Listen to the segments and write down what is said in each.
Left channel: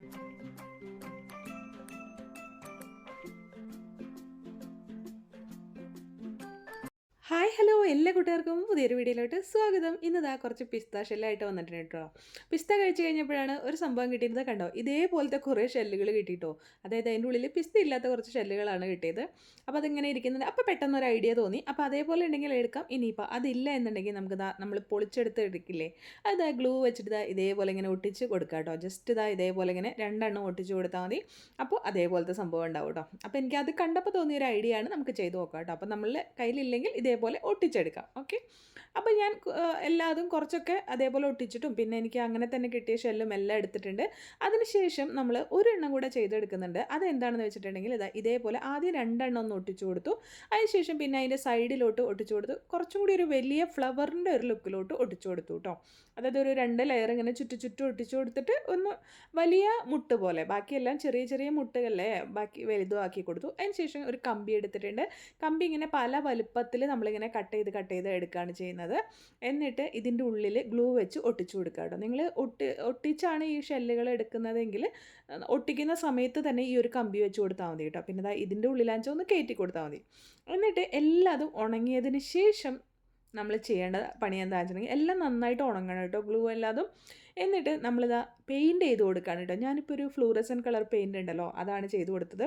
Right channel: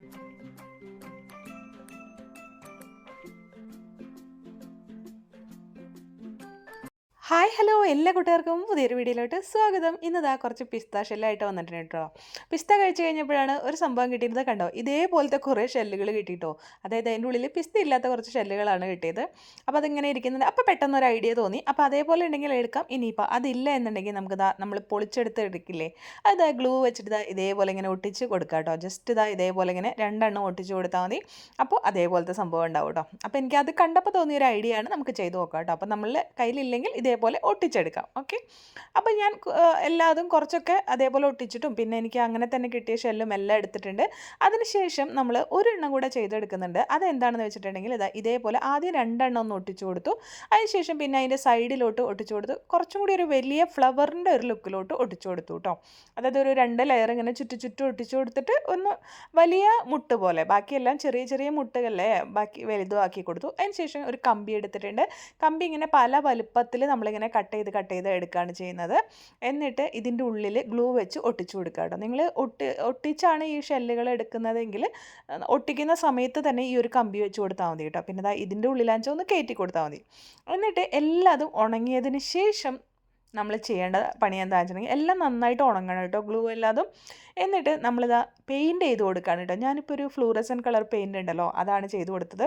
Música hi hello എല്ലാ കൂട്ടുകാർക്കും പുതിയൊരു വീഡിയോയിലോട്ട് സ്വാഗതം. ഇന്നതാ കുറച്ച് പിസ്ത ഷെല്ലായിട്ട് വന്നിട്ടുണ്ട് കേട്ടോ. പിസ്ത കഴിച്ചു കഴിഞ്ഞപ്പോഴാണ് ഒരു സംഭവം കിട്ടിയിരുന്നത് കണ്ടോ? ഇതേപോലത്തെ കുറേ ഷെല്ലുകൾ കിട്ടിയിട്ടോ അതായത് അതിന്റെ ഉള്ളിൽ പിസ്ത ഇല്ലാത്ത കുറച്ച് ഷെല്ലുകളാണ് കിട്ടിയത്. അപ്പോൾ അതിങ്ങനെ ഇരിക്കുന്നത്. അപ്പോൾ പെട്ടെന്ന് ഒരു ഐഡിയ തോന്നി. അപ്പോൾ അതേപോലെ ഉണ്ടെങ്കിൽ എടുക്കാം. ഇനിയിപ്പോൾ അതില്ല എന്നുണ്ടെങ്കിൽ നമുക്ക് ഇതാ നമ്മൾ പൊളിച്ചെടുത്ത് എടുക്കില്ലേ? അത് ഗ്ലൂ വെച്ചിട്ട് ഇതാ ഇതേപോലെ ഇങ്ങനെ ഒട്ടിച്ച് കൊടുക്കാം കേട്ടോ. ജസ്റ്റ് ഇതാ ഇതേപോലെ ഇങ്ങനെ രണ്ടെണ്ണം ഒട്ടിച്ച് കൊടുത്താൽ മതി. അപ്പോൾ അതേപോലത്തെ സംഭവം ഉണ്ടാവും കേട്ടോ. അപ്പോൾ എനിക്ക് അത് കണ്ടപ്പോൾ തോന്നിയ ഒരു ഐഡിയ ആണ്. നമുക്ക് ചെയ്ത് നോക്കാം കേട്ടോ. അപ്പോൾ നമ്മളുടെ കയ്യിലില്ലെങ്കിൽ ഇതേപോലെ ഒട്ടിച്ചെടുക്കാം. ഓക്കെ? അപ്പോൾ ഞാൻ എല്ലാതും കുറച്ചൊക്കെ അതേപോലെ ഒട്ടിച്ചിട്ടും പിന്നെ എനിക്ക് അങ്ങനെ തന്നെ കിട്ടിയ ഷെല്ലും എല്ലാം എടുത്തിട്ടുണ്ട്. അതിനുശേഷം നമ്മൾ ഒരു ഒരെണ്ണം കൂടെ ചെയ്തെടുക്കുന്നുണ്ട്. അതെന്താണെന്ന് വെച്ചിട്ടുണ്ടെങ്കിൽ ഇതാ ഇതേപോലെ ആദ്യം രണ്ടെണ്ണം ഒന്ന് ഒട്ടിച്ചു കൊടുത്തു. അതിനുശേഷം പിന്നെ അതിന്റെ സൈഡിലോട്ട് ഒട്ടിച്ചു കൊടുത്തു. കുറച്ചും കൂടി ഒരു വലിയ ഫ്ലവറിന്റെ ഒരു ലുക്കിലോട്ട് ഒട്ടിച്ചു കൊടുത്തു കേട്ടോ. അതായത് ഒരു രണ്ട് ലെയർ ഇങ്ങനെ ചുറ്റു ചുറ്റും ഒട്ടിച്ചു കൊടുത്തിട്ട് ഒന്ന് വലിയ മുട്ട് പോലെ. ബാക്കിയെല്ലാം ചെറിയ ചെറിയ മുട്ടുകളെ ബാക്കി വലുതും ആക്കി കൊടുത്തു. അതിനുശേഷം ഒരു കമ്പി എടുത്തിട്ടുണ്ട്. കമ്പി ഇങ്ങനെ പല വലുപ്പത്തിൽ നമ്മളിങ്ങനെ കട്ട് ചെയ്ത് കട്ട് ചെയ്ത് എടുക്കുകയാണ് ചെയ്യുന്നത്. എന്നിട്ട് ഇതിന്റെ ഉള്ളിൽ ഗ്ലൂ വെച്ച് ഒട്ടിച്ചു കൊടുക്കുക കേട്ടോ. നിങ്ങൾ ഒട്ടി ഒട്ടിച്ചാണ് ഈ ഷെല്ലുകൾ എടുക്കുന്നതെങ്കിൽ ഒട്ടിക്കുന്ന സമയത്ത് തന്നെ ഈ ഒരു കമ്പി വെച്ച് കൊടുത്താൽ മതി കേട്ടോ. പിന്നെ ഇതിന്റെ ഉള്ളിലാണെന്ന് ഒന്ന് കയറ്റി കൊടുത്താൽ മതി. എന്നിട്ട് എല്ലാതും ഉണങ്ങിയതിന് ശേഷം നമ്മൾ ചെയ്യേണ്ട പണി എന്താണെന്ന് വെച്ചിട്ടുണ്ടെങ്കിൽ എല്ലാം നന്നായിട്ട് ഉണങ്ങണം കേട്ടോ. ഗ്ലൂ എല്ലാതും. എന്നിട്ട് നമ്മളിതാ പെയിന്റ് ചെയ്ത് കൊടുക്കുകയാണ് കേട്ടോ. ഞാനിപ്പോൾ ഒരു ഫ്ലൂറസൻ കളർ പെയിന്റ് ഉണ്ടല്ലോ അതാണ് ചെയ്ത് കൊടുത്തത്.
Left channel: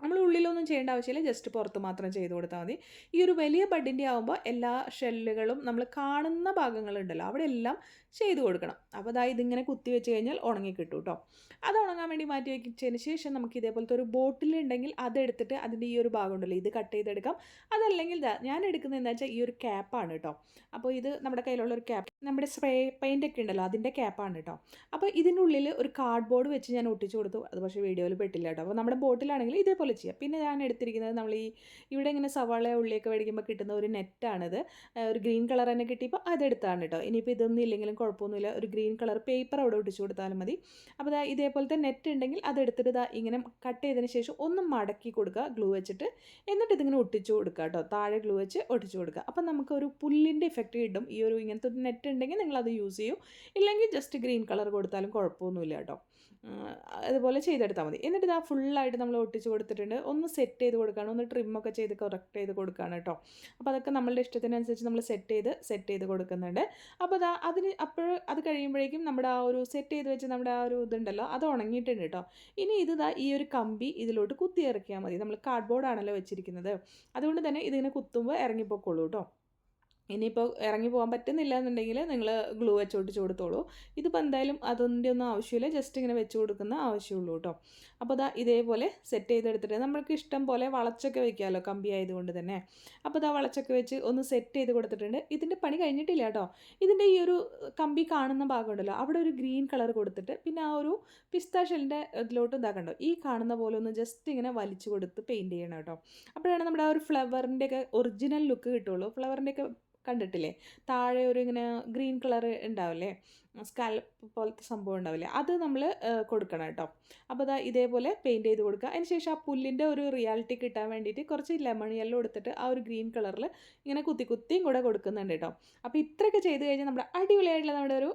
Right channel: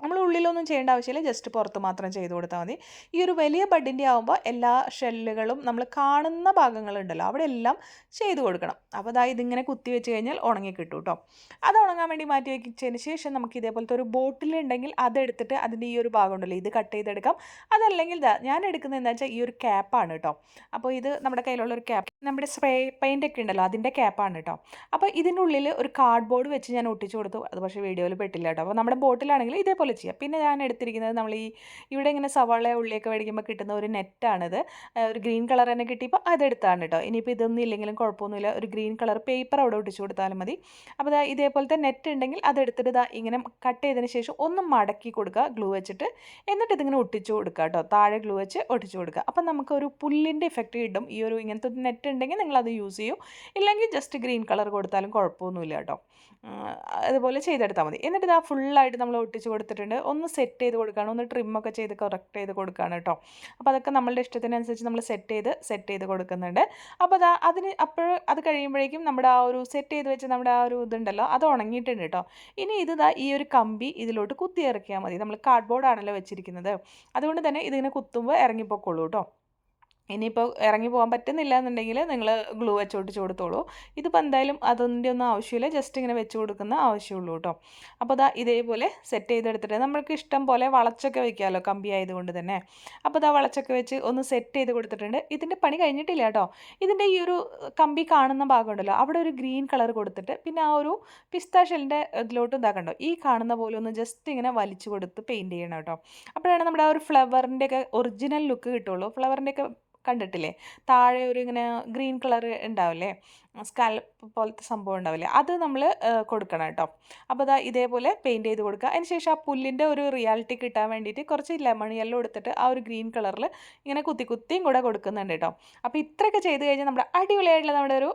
നമ്മൾ ഉള്ളിലൊന്നും ചെയ്യേണ്ട ആവശ്യമില്ല. ജസ്റ്റ് പുറത്ത് മാത്രം ചെയ്ത് കൊടുത്താൽ മതി. ഈ ഒരു വലിയ ബഡിന്റെ ആകുമ്പോൾ എല്ലാ ഷെല്ലുകളും നമ്മൾ കാണുന്ന ഭാഗങ്ങളുണ്ടല്ലോ അവിടെ എല്ലാം ചെയ്ത് കൊടുക്കണം. അപ്പോൾ അതായത് ഇതിങ്ങനെ കുത്തി വെച്ച് കഴിഞ്ഞാൽ ഉണങ്ങി കിട്ടും കേട്ടോ അത് ഉണങ്ങാൻ വേണ്ടി മാറ്റി വയ്ക്കിച്ചതിന് ശേഷം നമുക്ക് ഇതേപോലത്തെ ഒരു ബോട്ടിൽ ബോട്ടിലുണ്ടെങ്കിൽ അതെടുത്തിട്ട് അതിന്റെ ഈ ഒരു ഭാഗം ഉണ്ടല്ലോ ഇത് കട്ട് ചെയ്തെടുക്കാം. അതല്ലെങ്കിൽ ഞാൻ എടുക്കുന്നത് എന്താ വെച്ചാൽ ഈ ഒരു ക്യാപ്പാണ് കേട്ടോ അപ്പോൾ ഇത് നമ്മുടെ കയ്യിലുള്ള ഒരു ക്യാപ്പ് നമ്മുടെ സ്പ്രേ പെയിന്റ് ഒക്കെ ഉണ്ടല്ലോ അതിന്റെ ക്യാപ്പാണ് കേട്ടോ അപ്പോൾ ഇതിനുള്ളിൽ ഒരു കാർഡ് ബോർഡ് വെച്ച് ഞാൻ ഒട്ടിച്ചു കൊടുത്തു. അത് പക്ഷേ വീഡിയോയിൽ പെട്ടില്ല കേട്ടോ അപ്പോൾ നമ്മുടെ ബോട്ടിലാണെങ്കിൽ ഇതേപോലെ ചെയ്യാം. പിന്നെ ഞാൻ എടുത്തിരിക്കുന്നത് നമ്മൾ ഈ ഇവിടെ ഇങ്ങനെ സവാള ഉള്ളിയൊക്കെ മേടിക്കുമ്പോൾ കിട്ടുന്ന ഒരു നെറ്റാണിത് ഒരു ഗ്രീൻ കളർ തന്നെ കിട്ടിയപ്പോൾ അതെടുത്താണ് കേട്ടോ ഇനിയിപ്പോൾ ഇതൊന്നും ഇല്ലെങ്കിലും കുഴപ്പമൊന്നുമില്ല. ഒരു ഗ്രീൻ കളർ പേപ്പർ അവിടെ ഒട്ടിച്ചു കൊടുത്താലും മതി. അപ്പോൾ ഇതേപോലത്തെ നെറ്റ് ഉണ്ടെങ്കിൽ അതെടുത്തിട്ട് ഇതാ ഇങ്ങനെ കട്ട് ചെയ്തതിന് ശേഷം ഒന്ന് മടക്കി കൊടുക്കുക ഗ്ലൂ വെച്ചിട്ട്. എന്നിട്ട് ഇതിങ്ങനെ ഒട്ടിച്ചു കൊടുക്കുക കേട്ടോ താഴെ ഗ്ലൂ വെച്ച് ഒട്ടിച്ചു കൊടുക്കുക. അപ്പം നമുക്കൊരു പുല്ലിന്റെ ഇഫക്റ്റ് കിട്ടും. ഈ ഒരു ഇങ്ങനത്തെ നെറ്റ് ഉണ്ടെങ്കിൽ നിങ്ങൾ അത് യൂസ് ചെയ്യൂ. ഇല്ലെങ്കിൽ ജസ്റ്റ് ഗ്രീൻ കളർ കൊടുത്താലും കുഴപ്പമൊന്നുമില്ല കേട്ടോ അതുപോലെ ചെയ്തെടുത്താൽ മതി. എന്നിട്ട് ഇതാ ഫുള്ളായിട്ട് നമ്മൾ ഒട്ടിച്ച് കൊടുത്തിട്ടുണ്ട്. ഒന്ന് സെറ്റ് ചെയ്ത് കൊടുക്കുകയാണ് ഒന്ന് ട്രിമ്മൊക്കെ ചെയ്ത് കറക്റ്റ് ചെയ്ത് കൊടുക്കുകയാണ് കേട്ടോ അപ്പോൾ അതൊക്കെ നമ്മളുടെ ഇഷ്ടത്തിനനുസരിച്ച് നമ്മൾ സെറ്റ് ചെയ്ത് സെറ്റ് ചെയ്ത് കൊടുക്കുന്നുണ്ട്. അപ്പോൾ അതാ അതിന് അപ്പോൾ അത് കഴിയുമ്പോഴേക്കും നമ്മുടെ ആ ഒരു സെറ്റ് ചെയ്ത് വെച്ച് നമ്മുടെ ആ ഒരു ഇതുണ്ടല്ലോ അത് ഉണങ്ങിയിട്ടുണ്ട് കേട്ടോ ഇനി ഇത് ഈ ഒരു കമ്പി ഇതിലോട്ട് കുത്തി ഇറക്കിയാൽ മതി. നമ്മൾ കാർഡ്ബോർഡ് ആണല്ലോ വെച്ചിരിക്കുന്നത്. അതുകൊണ്ട് തന്നെ ഇതിങ്ങനെ കുത്തുമ്പോൾ ഇറങ്ങിപ്പോക്കോളൂ കേട്ടോ ഇനിയിപ്പോൾ ഇറങ്ങി പോകാൻ പറ്റുന്നില്ല എന്നുണ്ടെങ്കിൽ നിങ്ങൾ ഗ്ലൂ വെച്ച് ഒട്ടിച്ച് കൊടുത്തോളൂ. ഇതിപ്പോൾ എന്തായാലും അതിന്റെ ഒന്നും ആവശ്യമില്ല. ജസ്റ്റ് ഇങ്ങനെ വെച്ച് കൊടുക്കുന്ന ആവശ്യമുള്ളൂ കേട്ടോ അപ്പോൾ അതാ ഇതേപോലെ സെറ്റ് ചെയ്തെടുത്തിട്ട് നമ്മൾക്ക് ഇഷ്ടം പോലെ വളച്ചൊക്കെ വെക്കാമല്ലോ കമ്പി ആയതുകൊണ്ട് തന്നെ. അപ്പോൾ അതാ വളച്ചൊക്കെ വെച്ച് ഒന്ന് സെറ്റ് ചെയ്ത് കൊടുത്തിട്ടുണ്ട്. ഇതിന്റെ പണി കഴിഞ്ഞിട്ടില്ല കേട്ടോ ഇതിന്റെ ഈ ഒരു കമ്പി കാണുന്ന ഭാഗമുണ്ടല്ലോ അവിടെ ഒരു ഗ്രീൻ കളർ കൊടുത്തിട്ട് പിന്നെ ആ ഒരു പിസ്ത ഷെല്ലിന്റെ ഇതിലോട്ട് ഇതാക്കണ്ടോ ഈ കാണുന്ന പോലെ ഒന്ന് ജസ്റ്റ് ഇങ്ങനെ വലിച്ചു കൊടുത്ത് പെയിന്റ് ചെയ്യണം കേട്ടോ അപ്പോഴാണ് നമ്മുടെ ആ ഒരു ഫ്ലവറിന്റെയൊക്കെ ഒറിജിനൽ ലുക്ക് കിട്ടുള്ളൂ. ഫ്ലവറിന്റെയൊക്കെ കണ്ടിട്ടില്ലേ? താഴെ ഒരു ഇങ്ങനെ ഗ്രീൻ കളർ ഉണ്ടാവില്ലേ? സ്കാൽപ്പ് പോലത്തെ സംഭവം ഉണ്ടാവില്ലേ? അത് നമ്മൾ കൊടുക്കണം കേട്ടോ. അപ്പോൾ അതാ ഇതേപോലെ പെയിന്റ് ചെയ്ത് കൊടുക്കുക. അതിന് ശേഷം ആ പുല്ലിന്റെ ഒരു റിയാലിറ്റി കിട്ടാൻ വേണ്ടിയിട്ട് കുറച്ച് ലെമൺ യെല്ലോ എടുത്തിട്ട് ആ ഒരു ഗ്രീൻ കളറിൽ ഇങ്ങനെ കുത്തി കുത്തിയും കൂടെ കൊടുക്കുന്നുണ്ട് കേട്ടോ. അപ്പോൾ ഇത്രയൊക്കെ ചെയ്ത് കഴിഞ്ഞാൽ നമ്മുടെ അടിപൊളിയായിട്ടുള്ള നമ്മുടെ ഒരു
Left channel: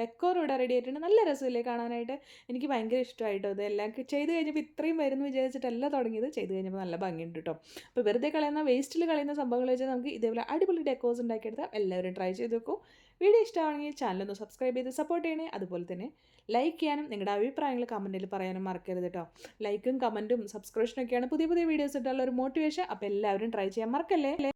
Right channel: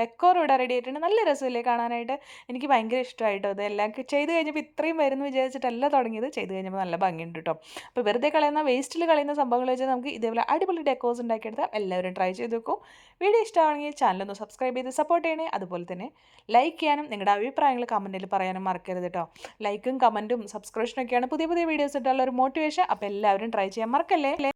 ഡെക്കോർ ഇവിടെ റെഡി ആയിട്ടുണ്ട്. നല്ല രസമില്ലേ കാണാനായിട്ട്? എനിക്ക് ഭയങ്കര ഇഷ്ടമായിട്ടോ ഇത്. എല്ലാം ചെയ്ത് കഴിഞ്ഞപ്പോൾ ഇത്രയും വരുന്നു വിചാരിച്ചിട്ടല്ല തുടങ്ങിയത്. ചെയ്ത് കഴിഞ്ഞപ്പോൾ നല്ല ഭംഗിയുണ്ട് കേട്ടോ അപ്പോൾ വെറുതെ കളയുന്ന വേസ്റ്റിൽ കളയുന്ന സംഭവങ്ങൾ വെച്ചാൽ നമുക്ക് ഇതേപോലെ അടിപൊളി ഡെക്കോസ് ഉണ്ടാക്കിയെടുത്താൽ എല്ലാവരും ട്രൈ ചെയ്ത് നോക്കൂ. വീഡിയോ ഇഷ്ടമാണെങ്കിൽ ചാനലൊന്ന് സബ്സ്ക്രൈബ് ചെയ്ത് സപ്പോർട്ട് ചെയ്യണേ. അതുപോലെ തന്നെ ലൈക്ക് ചെയ്യാനും നിങ്ങളുടെ അഭിപ്രായങ്ങൾ കമന്റിൽ പറയാനും മറക്കരുത് കേട്ടോ ലൈക്കും കമന്റും സബ്സ്ക്രിപ്ഷനൊക്കെയാണ് പുതിയ പുതിയ വീഡിയോസ് ഇട്ടുള്ള ഒരു മോട്ടിവേഷൻ അപ്പോൾ എല്ലാവരും ട്രൈ ചെയ്യാൻ മറക്കല്ലേ?